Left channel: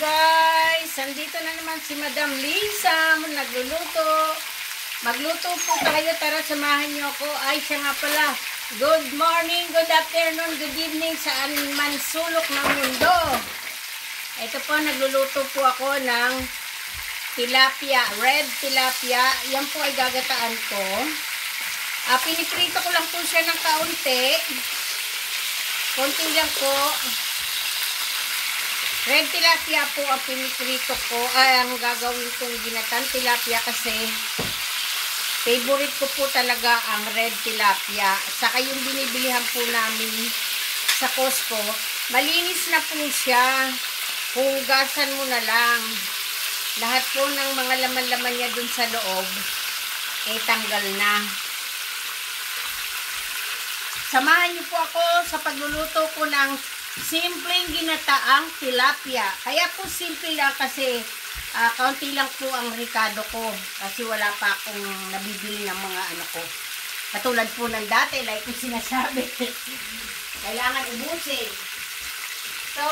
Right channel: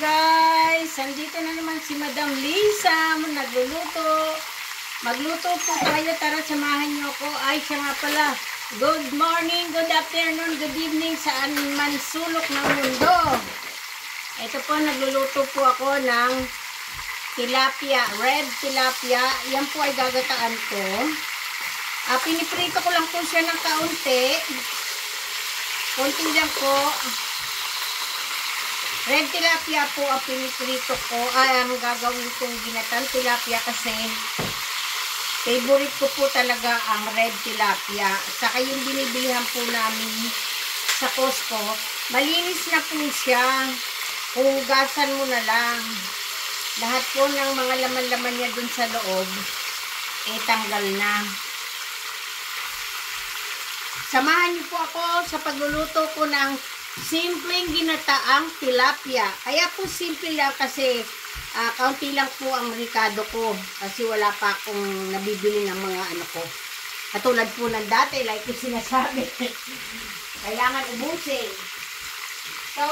guys! Andito na naman si Madam Lisa nagluluto. Magluto po tayo. Tara, samahan niyo ako. Ay, siya nga pala. Good morning, good afternoon, good evening saan man sulok ng mundo. Ito po, nagluluto po ako ng tilapia, red tilapia. Yan po ay gagataan ko. Piniprito ko lang po siya ng kaunti. Konti lang po. Red tilapia po ang piniprito ko. Ang gagawin kong ginatan tilapia kasi favorite ko po talaga ang red tilapia. Saka yung binibilihan po namin sa Costco. Malinis na po siya. Hugasan mo na lang. Lahat po ng mga laman-laman niya dun sa loob tanggal na. Samahan niyo po ako sa pagluluto ko ng simpleng ginataang tilapia. Kaya po simple lang kasi kaunti lang po ang ricado ko. Kasi wala pa akong nabibili ng mga ano ko. Katulad po ng dati, like ko sinasabi. Kailangan ubusin. So,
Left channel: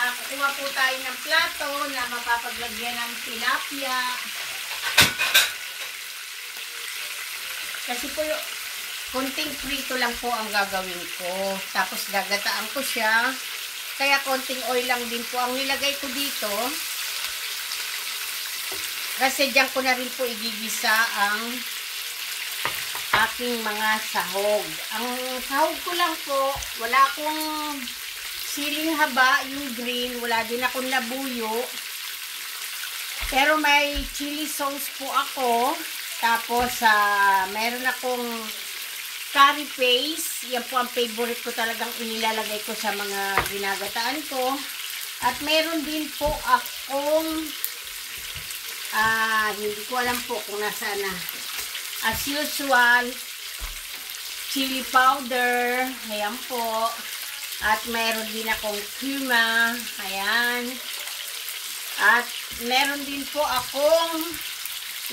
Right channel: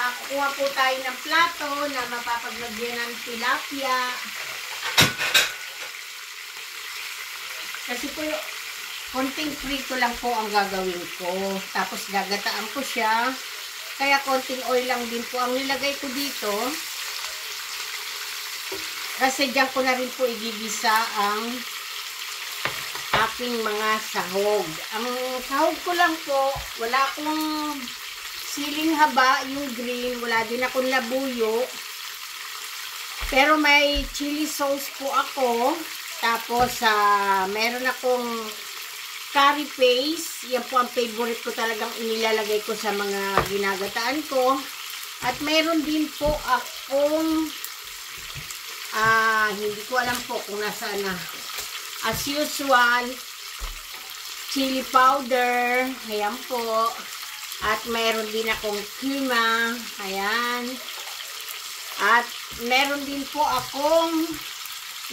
kukuha po tayo ng plato na mapapaglagyan ng tilapia. Kasi po, konting prito lang po ang gagawin ko. Tapos gagataan ko siya. Kaya konting oil lang din po ang nilagay ko dito. Kasi diyan ko na rin po igigisa ang aking mga sahog. Ang sahog ko lang po, wala akong siling haba, yung green. Wala din akong labuyo. Pero may chili sauce po ako. Tapos meron akong curry paste. Yan po ang favorite ko talagang inilalagay ko sa mga ginagataan ko. At meron din po akong hindi ko alam po kung nasaan na. As usual, chili powder. Ayan po. At meron din akong curma. Ayan. At meron din po akong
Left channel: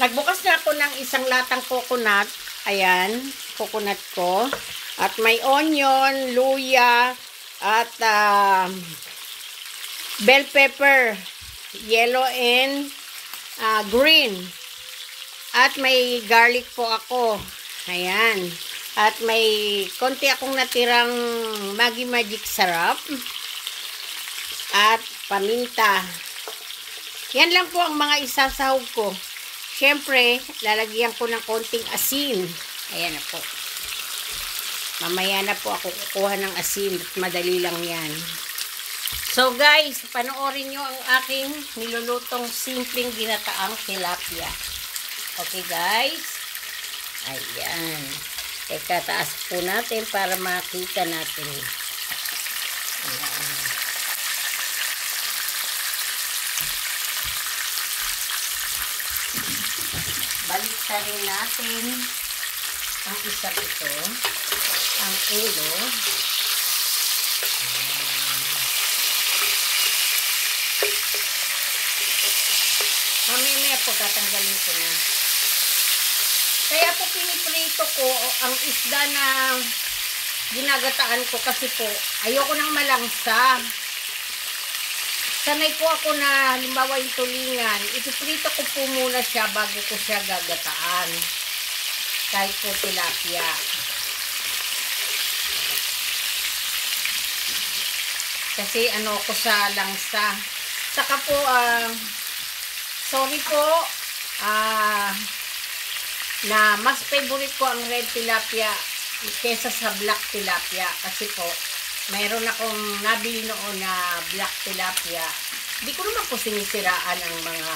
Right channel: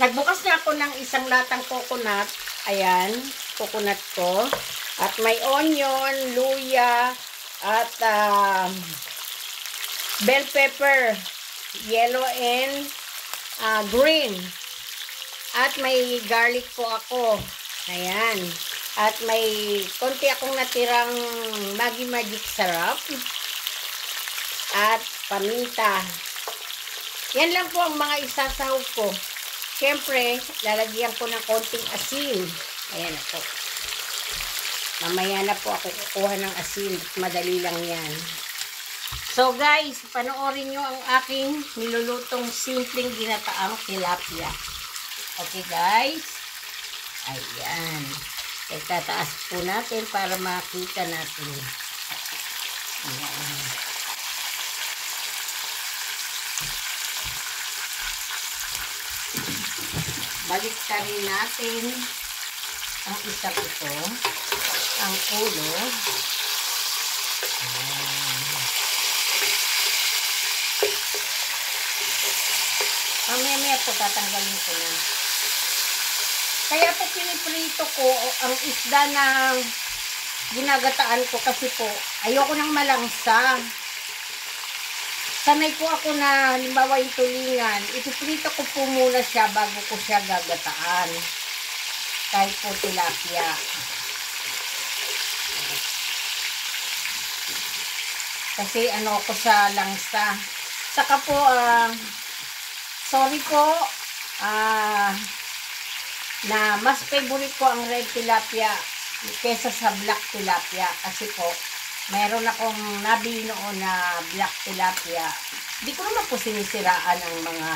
nagbukas na ako ng isang latang coconut. Ayan, coconut ko. At may onion, luya, at bell pepper, yellow and green. At may garlic po ako. Ayan. At may konti akong natirang Maggi Magic Sarap. At paminta. Yan lang po ang mga isasahog ko. Siyempre, lalagyan ko ng konting asin. Ayan na po. Mamaya na po ako kukuha ng asin. Madali lang yan. So guys, panoorin nyo ang aking nilulutong simpleng ginataang tilapia. Okay guys? Ayan. Tataas po natin para makita natin. Ayan. Baliktarin natin ang isa ito, ang ulo. Mamaya po tatanggalin ko na. Kaya po piniprito ko ang isda na ginagataan ko kasi po ayoko nang malangsa. Sanay po ako na halimbawa yung tulingan, ipiprito ko po muna siya bago ko siya gagataan. Kahit po tilapia. Kasi ano ko sa langsa. Saka po, sorry po, na mas favorite ko ang red tilapia kesa sa black tilapia. Kasi po, mayroon akong nabili noon na black tilapia. Hindi ko naman po sinisiraan ang mga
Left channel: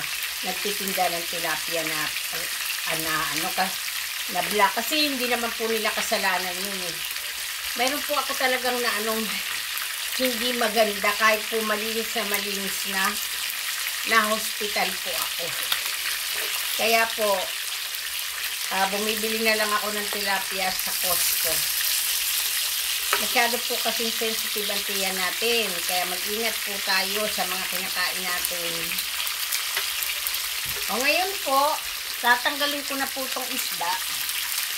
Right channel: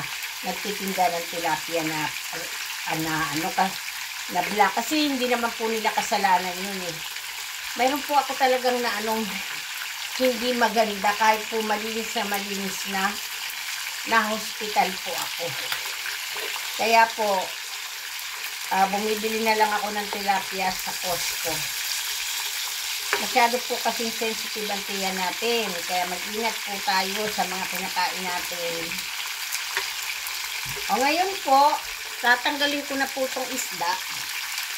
nagtitinda ng tilapia na black. Kasi hindi naman po nila kasalanan yun eh. Mayroon po ako talagang na hindi maganda kahit po malinis na hospital po ako. Kaya po, bumibili na lang ako ng tilapia sa Costco. Masyado po kasing sensitive ang tiyan natin. Kaya mag-ingat po tayo sa mga kinakain natin. O ngayon po, tatanggalin ko na po itong isda.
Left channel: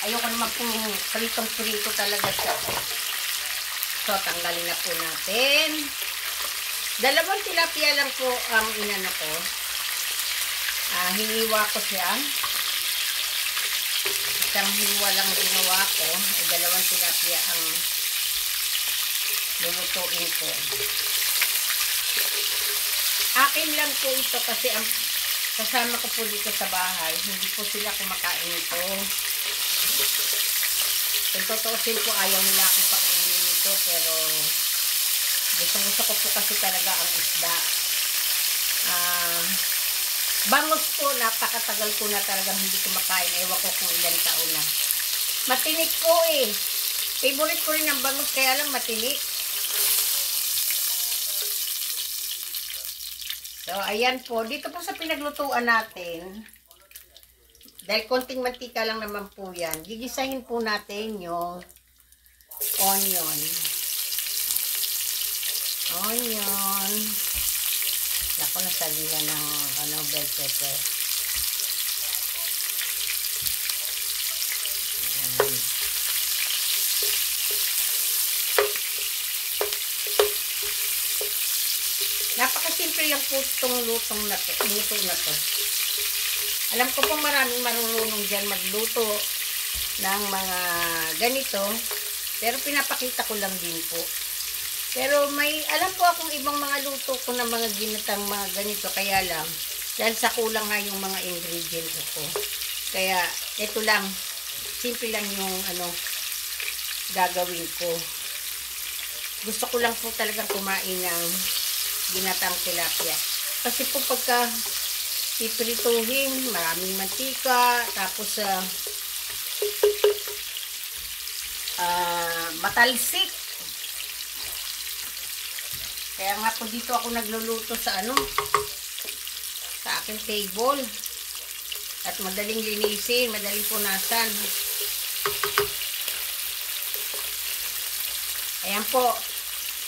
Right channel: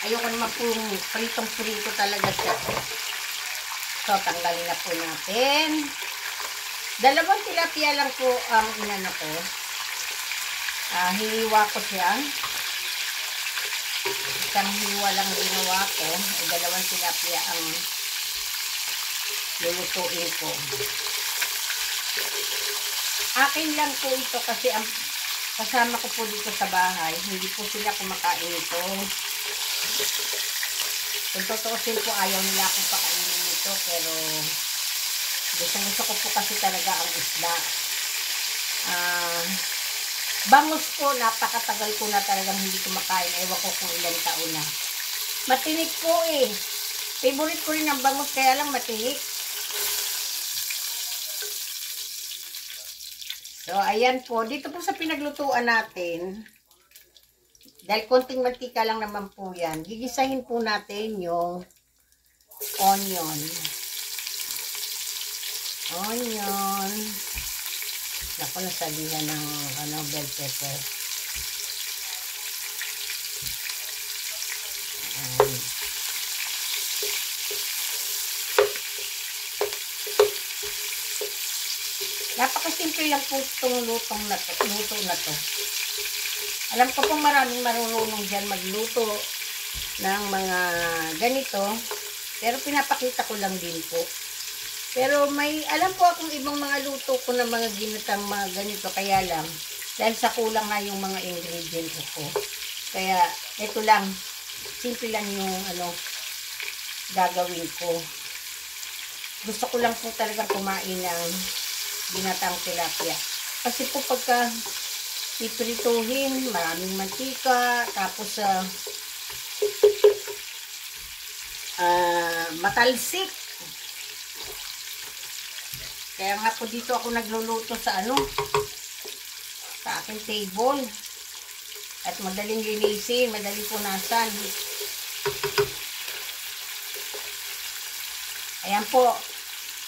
Ayoko naman po pritong-prito talaga siya. So, tanggalin na po natin. Dalawang tilapia lang po ang inano ko. Hiniwa ko siya. Isang hiwa lang ginawa ko. Dalawang tilapia ang lulutuin ko. Akin lang po ito kasi ang kasama ko po dito sa bahay. Hindi po sila kumakain ito. Kung tutuusin po, ayaw nila akong pakainin ito. Pero gusto ko po kasi talaga ang isda. Bangus po, napakatagal ko na talagang hindi kumakain. Ewan ko kung ilang taon na. Matinik po eh. Favorite ko rin ang bangus, kaya lang matinik. So, ayan po. Dito po sa pinaglutuan natin, dahil konting mantika lang naman po yan, gigisahin po natin yung onion. Naku, nasalihan ng bell pepper. Napakasimple lang po itong luto na to. Alam ko po maraming marunong dyan magluto ng mga ganito, pero pinapakita ko lang din po. Pero alam po akong ibang mga luto ko na mga ginatang mga ganito, kaya lang, dahil sa kulang nga yung mga ingredients ko. Kaya, ito lang, simple lang yung gagawin ko. Gusto ko lang po talagang kumain ng ginatang tilapia. Kasi po pagka iprituhin, maraming mantika, tapos matalsik. Kaya nga po dito ako nagluluto sa aking table. At madaling linisin, madaling punasan. Ayan po.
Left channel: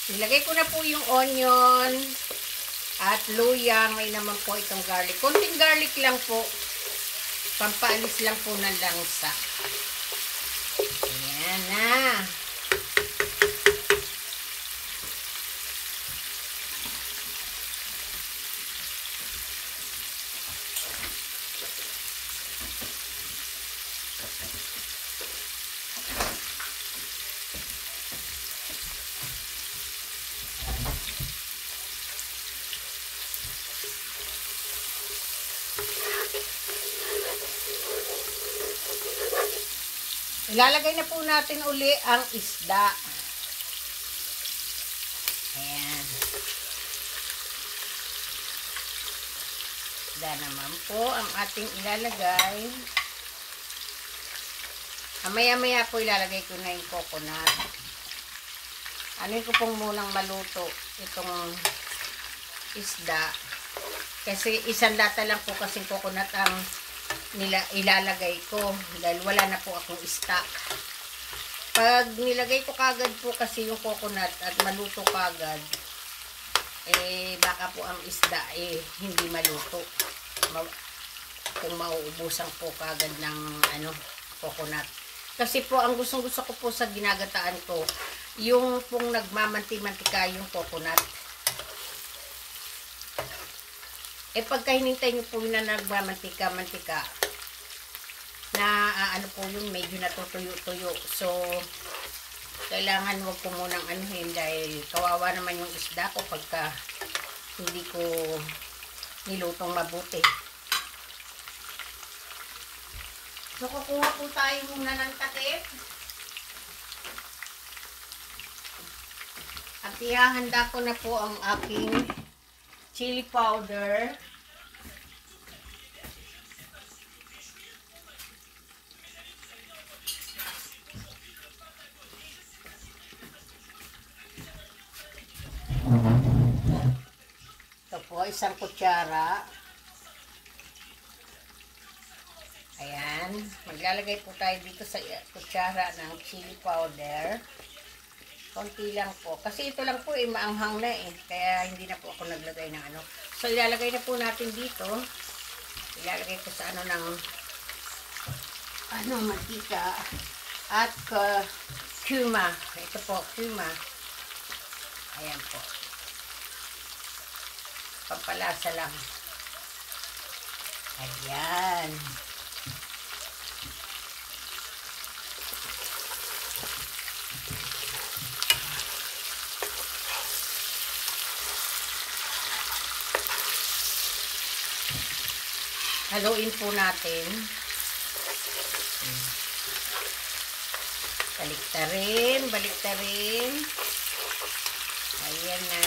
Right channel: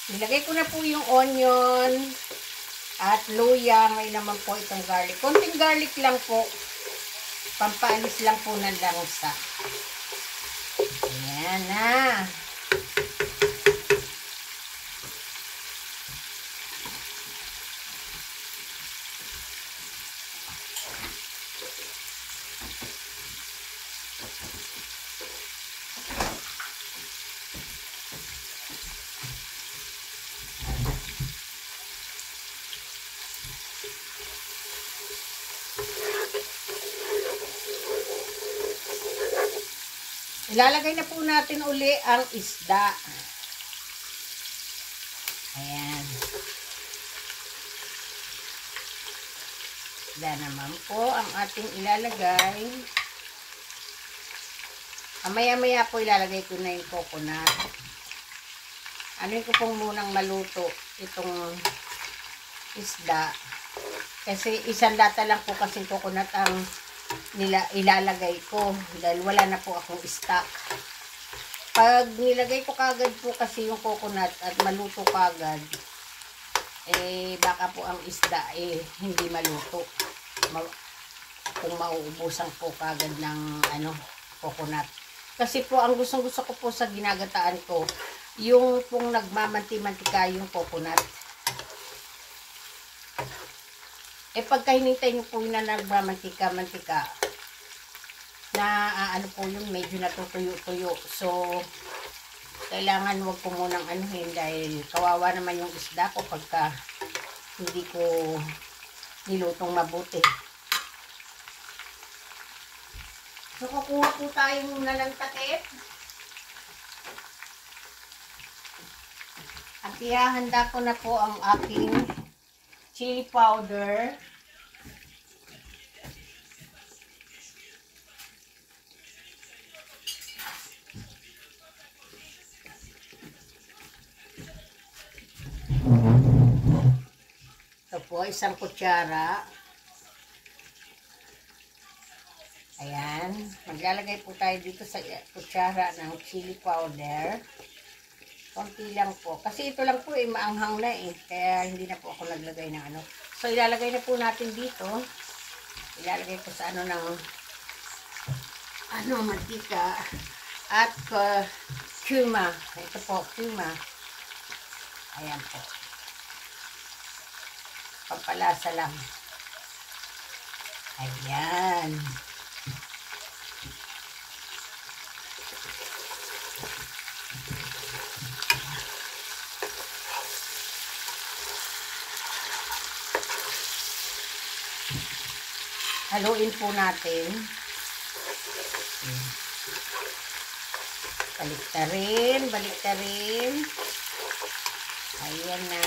Nilagay ko na po yung onion at luya. May naman po itong garlic. Konting garlic lang po. Pampaalis lang po ng langsa. Ayan na. Ilalagay na po natin uli ang isda. Ayan. Isda naman po ang ating ilalagay. Maya-maya po ilalagay ko na yung coconut. Ano ko pong munang maluto itong isda. Kasi isang lata lang po kasing coconut ang ilalagay ko dahil wala na po akong stock. Pag nilagay ko kagad po kasi yung coconut at maluto kagad, baka po ang isda hindi maluto. Kung mauubusan po kagad ng coconut. Kasi po ang gusto ko po sa ginagataan ko, yung pong nagmamanti-mantika yung coconut. Pagka hinintay nyo po na nagmamantika, na po yun, medyo natutuyo-tuyo. So, kailangan wag ko munang dahil kawawa naman yung isda ko pagka hindi ko nilutong mabuti. So, kukuha po tayo muna ng takip. At ihahanda ko na po ang aking chili powder. Ito po, isang kutsara. Ayan. Maglalagay po tayo dito sa kutsara ng chili powder. Konti lang po. Kasi ito lang po maanghang na kaya hindi na po ako naglagay ng So, ilalagay na po natin dito. Ilalagay ko sa mantika. At kuma. Ito po, kuma. Ayan po. Pampalasa lang. Ayan. Haluin po natin. Baliktarin, baliktarin. Ayan na.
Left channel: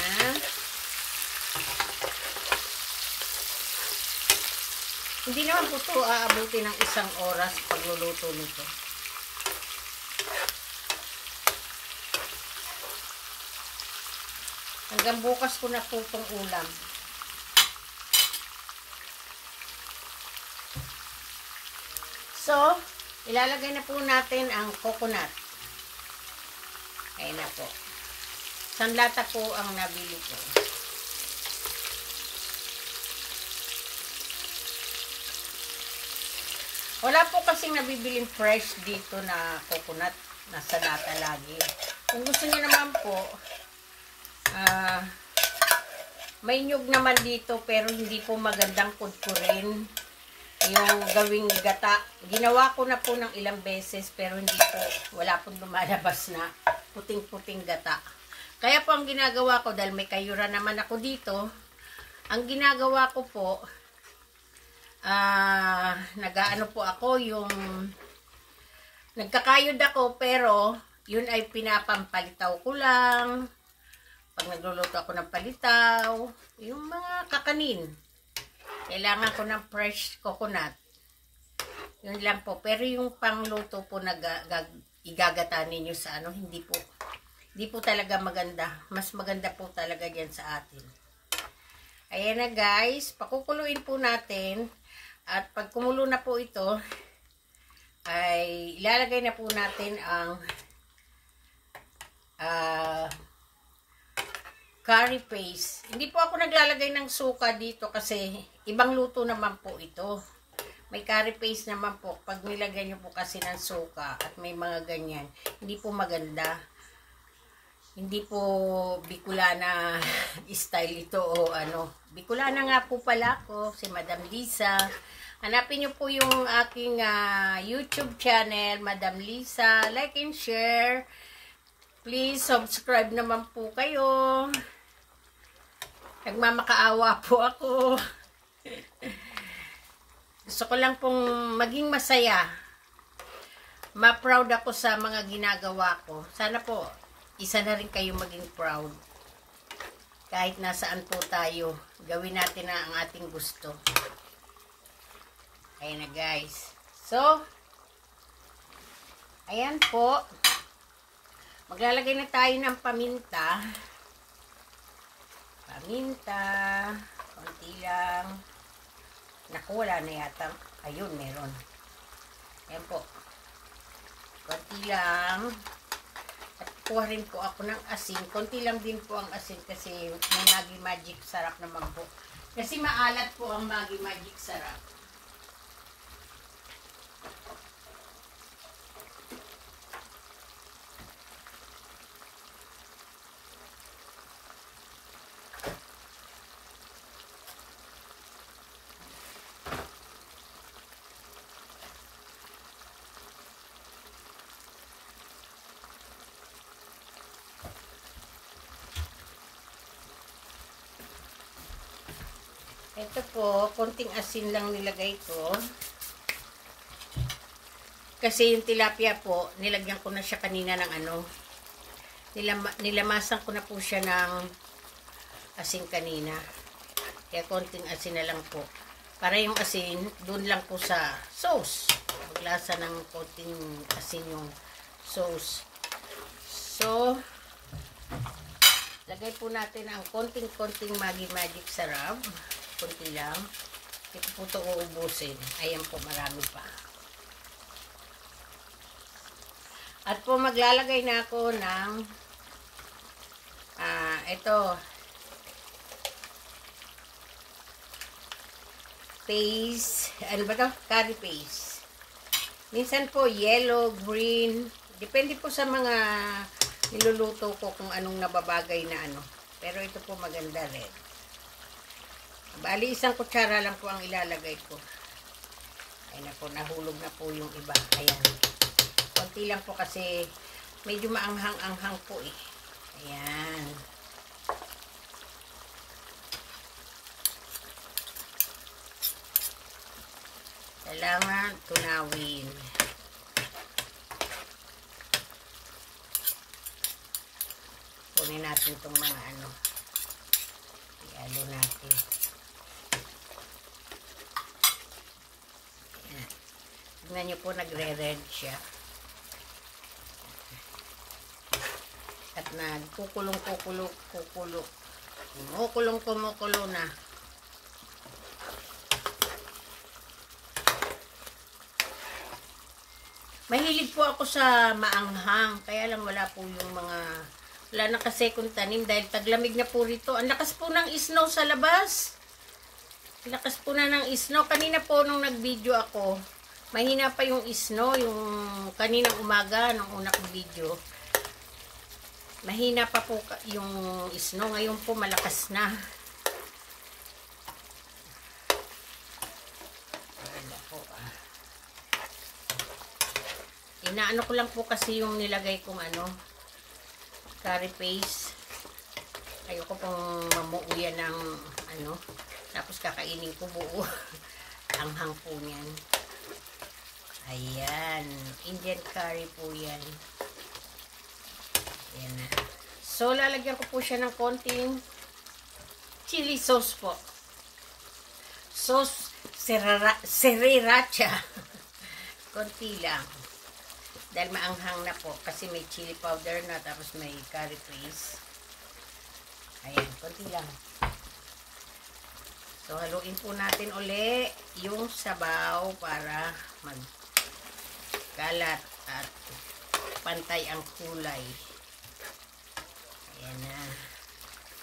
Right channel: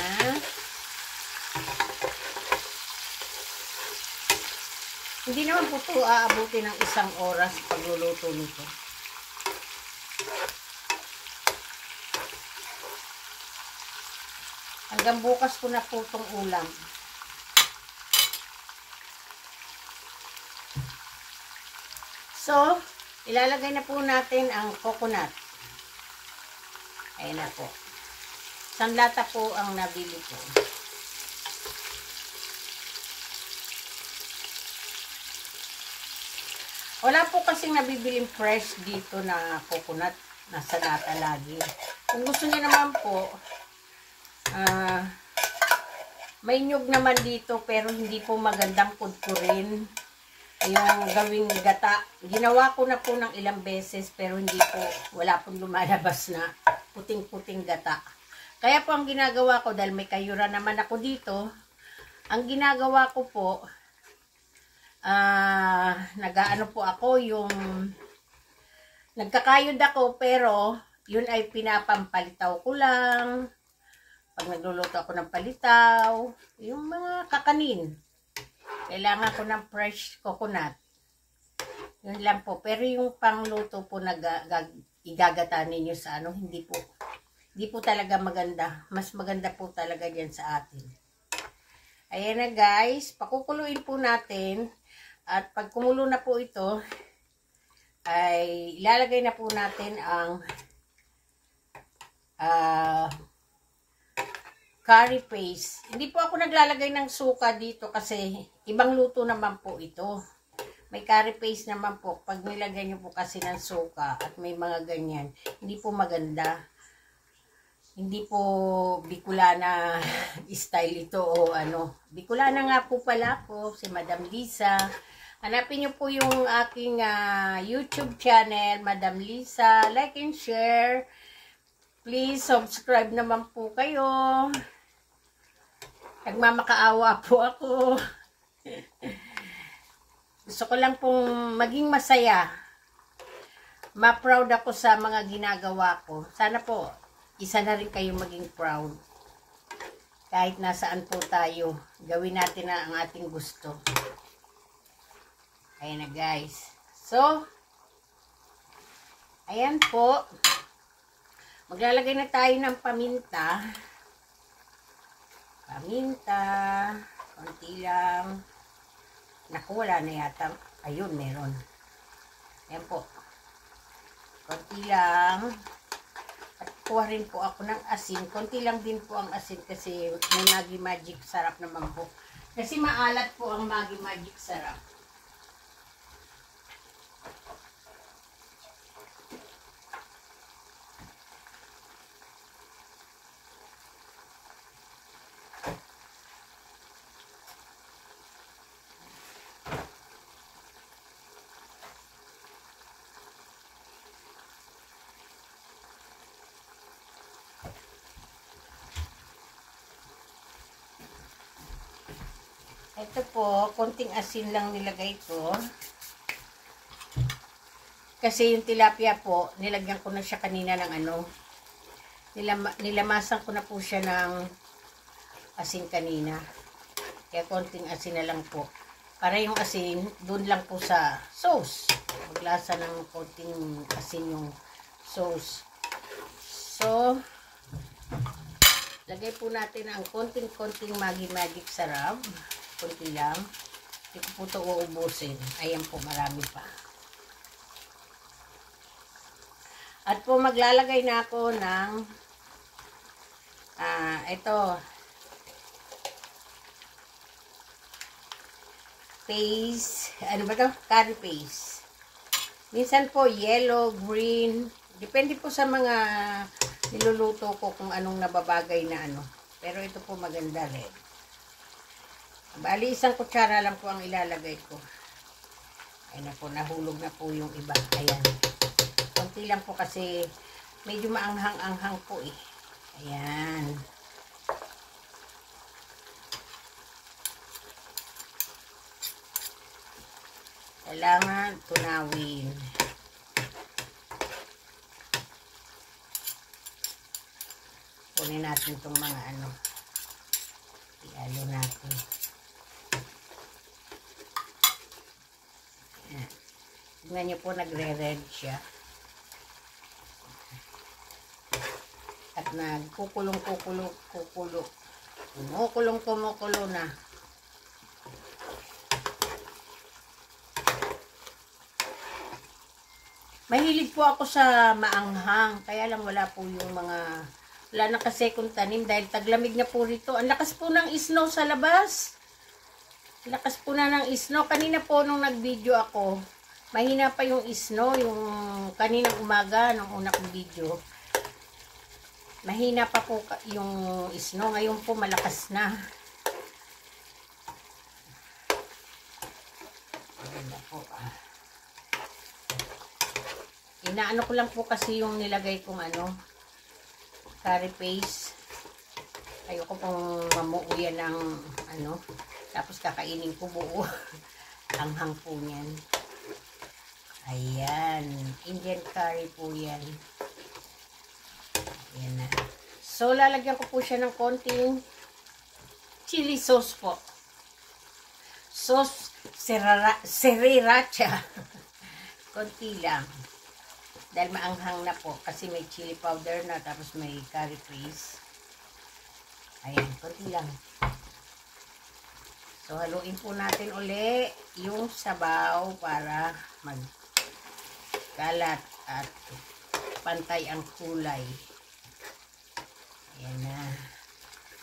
Hindi naman po ito aabutin ng 1 oras pagluluto nito. Hanggang bukas ko na po itong ulam. So, ilalagay na po natin ang coconut. Ayan na po. Isang lata po ang nabili ko. Wala po kasing nabibiling fresh dito na coconut. Nasa lata lagi. Kung gusto niyo naman po, may nyug naman dito pero hindi po magandang kudkurin. Yung gawing gata. Ginawa ko na po ng ilang beses pero hindi po, wala pong lumalabas na puting-puting gata. Kaya po ang ginagawa ko, dahil may kayura naman ako dito, ang ginagawa ko po, nag-ano po ako, yung nagkakayod ako pero yun ay pinapampalitaw ko lang. Pag nagluluto ako ng palitaw, yung mga kakanin. Kailangan ko ng fresh coconut. Yun lang po. Pero yung pangluto po na igagata ninyo sa ano, hindi po talaga maganda. Mas maganda po talaga yan sa atin. Ayan na guys. Pakukuluin po natin. At pag kumulo na po ito, ay ilalagay na po natin ang curry paste. Hindi po ako naglalagay ng suka dito kasi ibang luto naman po ito. May curry paste naman po. Pag nilagay nyo po kasi ng suka at may mga ganyan, hindi po maganda. Hindi po Bicolana style ito o ano. Bicolana nga po pala ako, si Madam Lisa. Hanapin nyo po yung aking YouTube channel, Madam Lisa. Like and share. Please subscribe naman po kayo. Nagmamakaawa po ako. Gusto ko lang pong maging masaya. Ma-proud ako sa mga ginagawa ko. Sana po, isa na rin kayo maging proud. Kahit nasaan po tayo, gawin natin na ang ating gusto. Ayan na guys. So, ayan po. Maglalagay na tayo ng paminta. Paminta. Konti lang. Naku, wala na yata. Ayun, meron. Ayan po. Konti lang. At kuha rin po ako ng asin. Konti lang din po ang asin kasi may Maggi Magic sarap naman po. Kasi maalat po ang Maggi Magic sarap. Ito po, konting asin lang nilagay ko. Kasi yung tilapia po, nilagyan ko na siya kanina ng ano. Nilamasan ko na po siya ng asin kanina. Kaya konting asin na lang po. Para yung asin, doon lang po sa sauce. Maglasa ng konting asin yung sauce. So, lagay po natin ang konting-konting Maggi Magic sarap. Kunti lang. Hindi ko po ito uubusin. Ayan po, marami pa. At po, maglalagay na ako ng ito. Paste. Ano ba ito? Curry paste. Minsan po, yellow, green. Depende po sa mga niluluto ko kung anong nababagay na ano. Pero ito po maganda red. Bali, isang kutsara lang po ang ilalagay ko. Ayan na po, nahulog na po yung iba. Ayan. Konti lang po kasi medyo maanghang-anghang po eh. Ayan. Kailangan tunawin. Kunin natin itong mga ano. Ialo natin. Ayan. Tignan nyo po, nagre-red siya. At nagkukulong-kukulo. Kumukulong na. Mahilig po ako sa maanghang. Kaya lang wala po yung mga... Wala na kasi kung tanim dahil taglamig na po rito. Ang lakas po ng snow sa labas. Ang lakas po na ng snow. Kanina po nung nag-video ako, mahina pa yung snow. Yung kaninang umaga, nung una kong video. Mahina pa po yung snow. Ngayon po malakas na. Ayan po ah. Inaano ko lang po kasi yung nilagay kong ano, curry paste. Ayoko pong mamuuyan ng ano, tapos kakainin ko buo. Anghang po yan. Ayan, Indian curry po yan. Ayan na. So, lalagyan ko po siya ng konting chili sauce po. Sauce sriracha. Konti lang. Dahil maanghang na po. Kasi may chili powder na. Tapos may curry paste. Ayan. Konti lang. So, haluin po natin uli yung sabaw para magkalat at pantay ang kulay. Ayan na.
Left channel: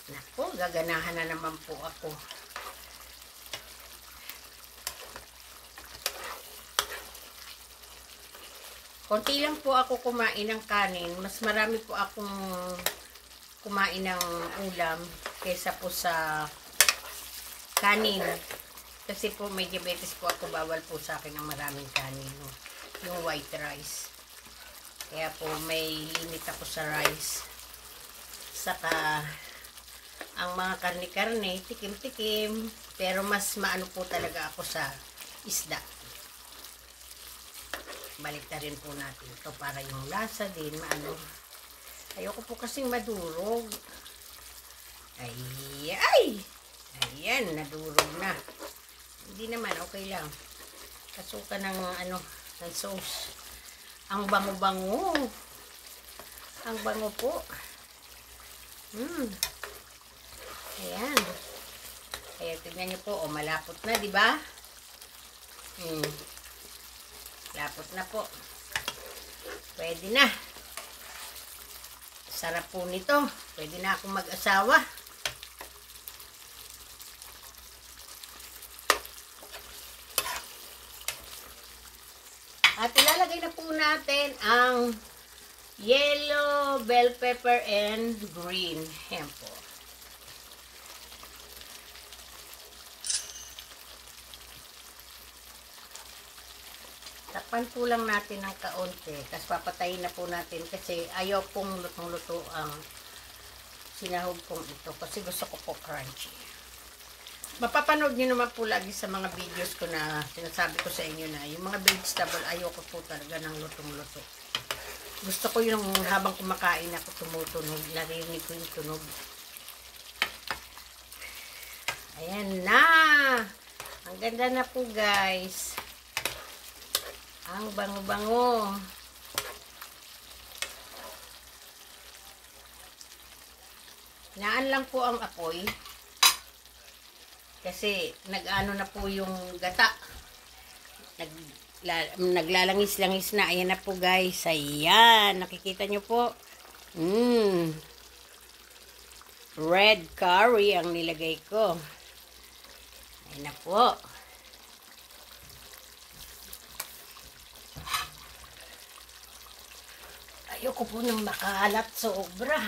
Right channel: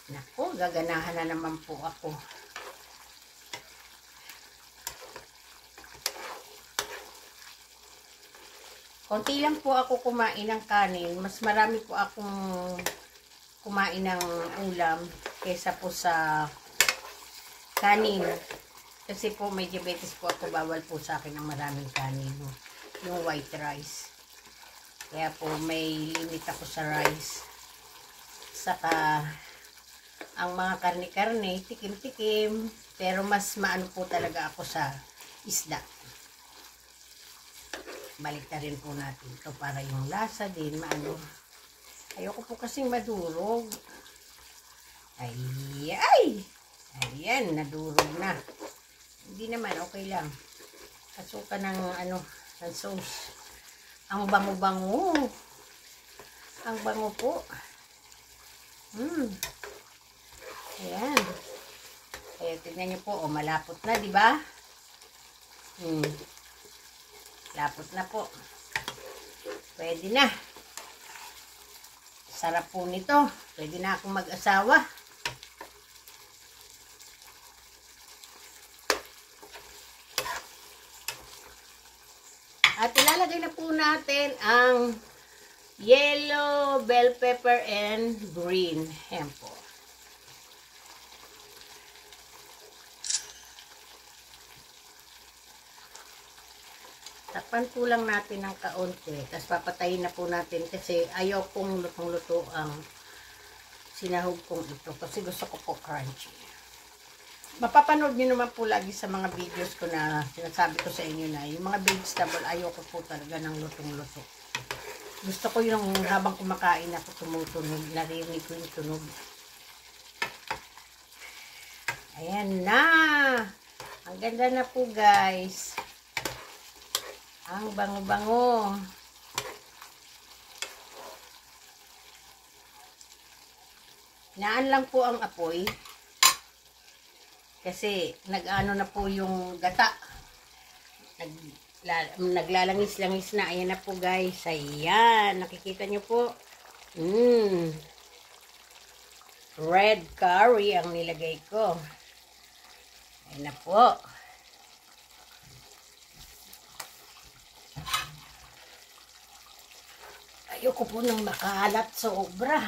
Naku, gaganahan na naman po ako. Konti lang po ako kumain ng kanin. Mas marami po akong kumain ng ulam kaysa po sa kanin. Kasi po may diabetes po ako. Bawal po sa akin ng maraming kanin. No? Yung white rice. Kaya po may limit ako sa rice. Saka ang mga karne-karne, tikim-tikim. Pero mas maano po talaga ako sa isda. Baliktad rin po natin ito para yung lasa din maano. Ayoko po kasi madurog. Ay! Ayan, nadurog na. Hindi naman, okay lang. Kasuka ng ano, ng sauce. Ang bango-bango. Ang bango po. Ayan. Kaya tignan niyo po, malapot na, di ba? Lapot na po. Pwede na. Sarap po nito. Pwede na akong mag-asawa. At ilalagay na po natin ang yellow bell pepper and green. Ayan po. Takpan po lang natin ng kaunti. Tapos papatayin na po natin kasi ayaw pong lutong-luto ang sinahog kong ito. Kasi gusto ko po crunchy. Mapapanood nyo naman po lagi sa mga videos ko na sinasabi ko sa inyo na yung mga vegetable ayaw ko po talaga ng lutong-luto. Gusto ko yung habang kumakain ako tumutunog. Narinig ko yung tunog. Ayan na! Ang ganda na po guys. Ang bango-bango. Naan lang po ang apoy. Kasi nag-ano na po yung gata. Naglalangis-langis na. Ayan na po guys. Ayan. Nakikita nyo po. Red curry ang nilagay ko. Ayan na po. Ayoko po nang makalat sobra.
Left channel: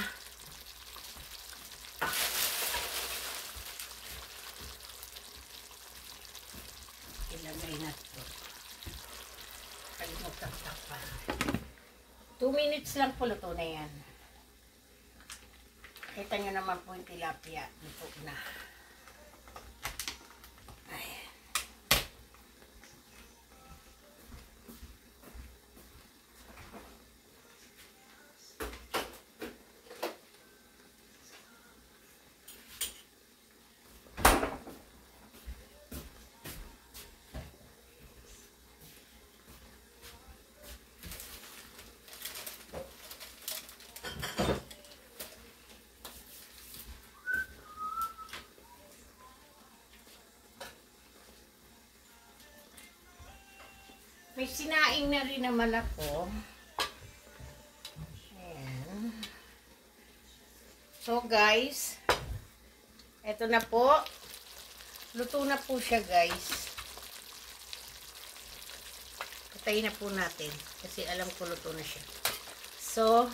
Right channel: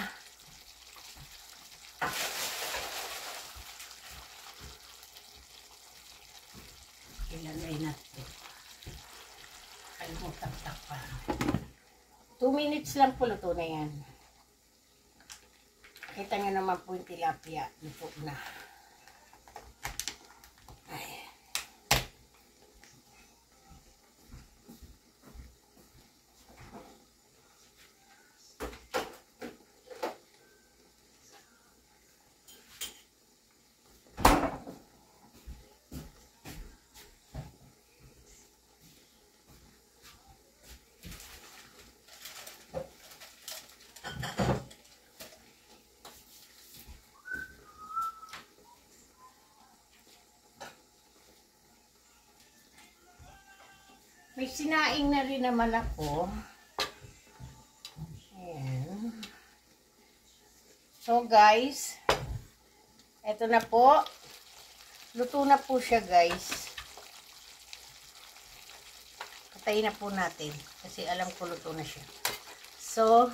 Ilagay na ito. Kalimutan pa. 2 minutes lang po luto na yan. Kita nyo naman po yung tilapia. Luto na. Ay. May sinaing na rin naman ako. Ayan. So guys, eto na po. Luto na po siya guys. Patayin na po natin. Kasi alam ko luto na siya. So,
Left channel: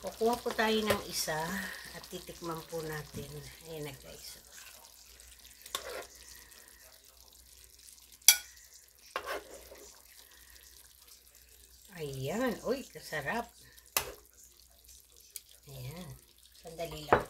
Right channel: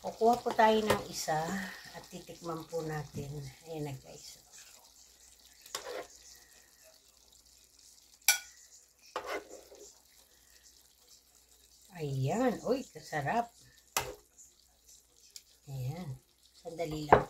kukuha po tayo ng isa at titikman po natin. Ayan na guys. Ayan. Uy, kasarap. Ayan. Sandali lang.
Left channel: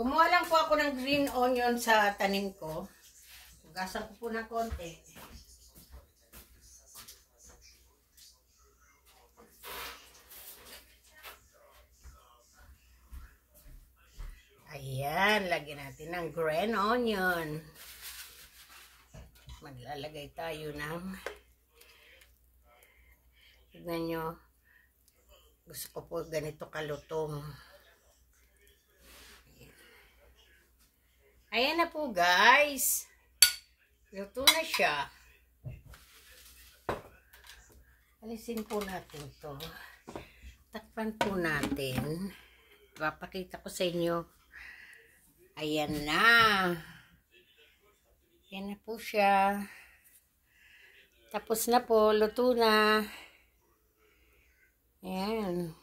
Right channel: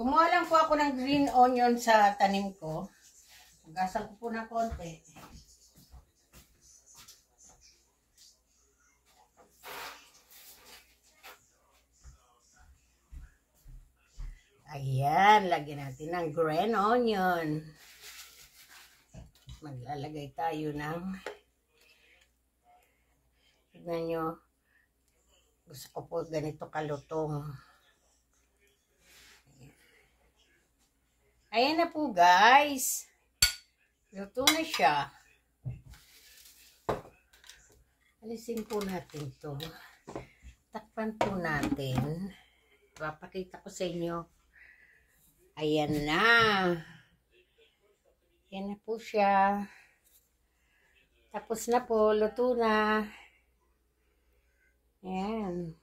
Kumuha lang po ako ng green onion sa tanim ko. Hugasan ko po ng konti. Ayan, lagyan natin ng green onion. Maglalagay tayo ng, tignan nyo, gusto ko po ganito kalutong. Ayan na po guys. Luto na siya. Alisin po natin to. Takpan po natin. Papakita ko sa inyo. Ayan na. Ayan na po siya. Tapos na po. Luto na. Ayan.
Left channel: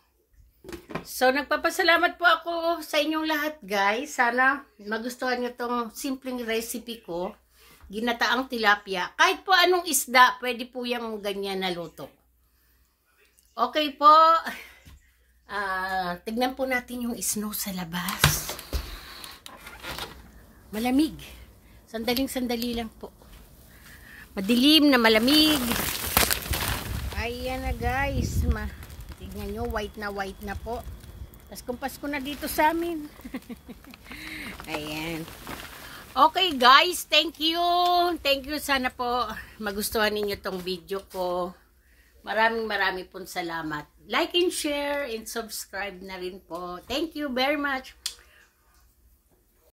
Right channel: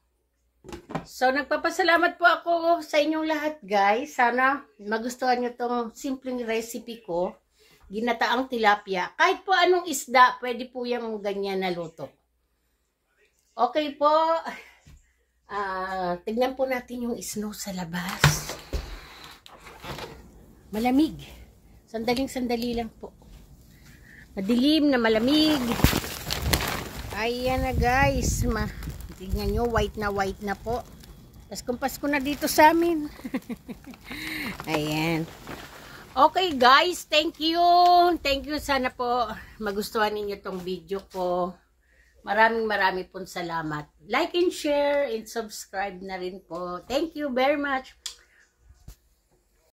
So, nagpapasalamat po ako sa inyong lahat, guys. Sana magustuhan nyo tong simpleng recipe ko. Ginataang tilapia. Kahit po anong isda, pwede po yung ganyan na luto. Okay po. Tignan po natin yung snow sa labas. Malamig. Sandaling-sandali lang po. Madilim na malamig. Ayan na, guys. Tignan nyo, white na po. Tapos kumpas ko na dito sa amin. Ayan. Okay guys, thank you. Thank you. Sana po magustuhan ninyo tong video ko. Maraming pong salamat. Like and share and subscribe na rin po. Thank you very much.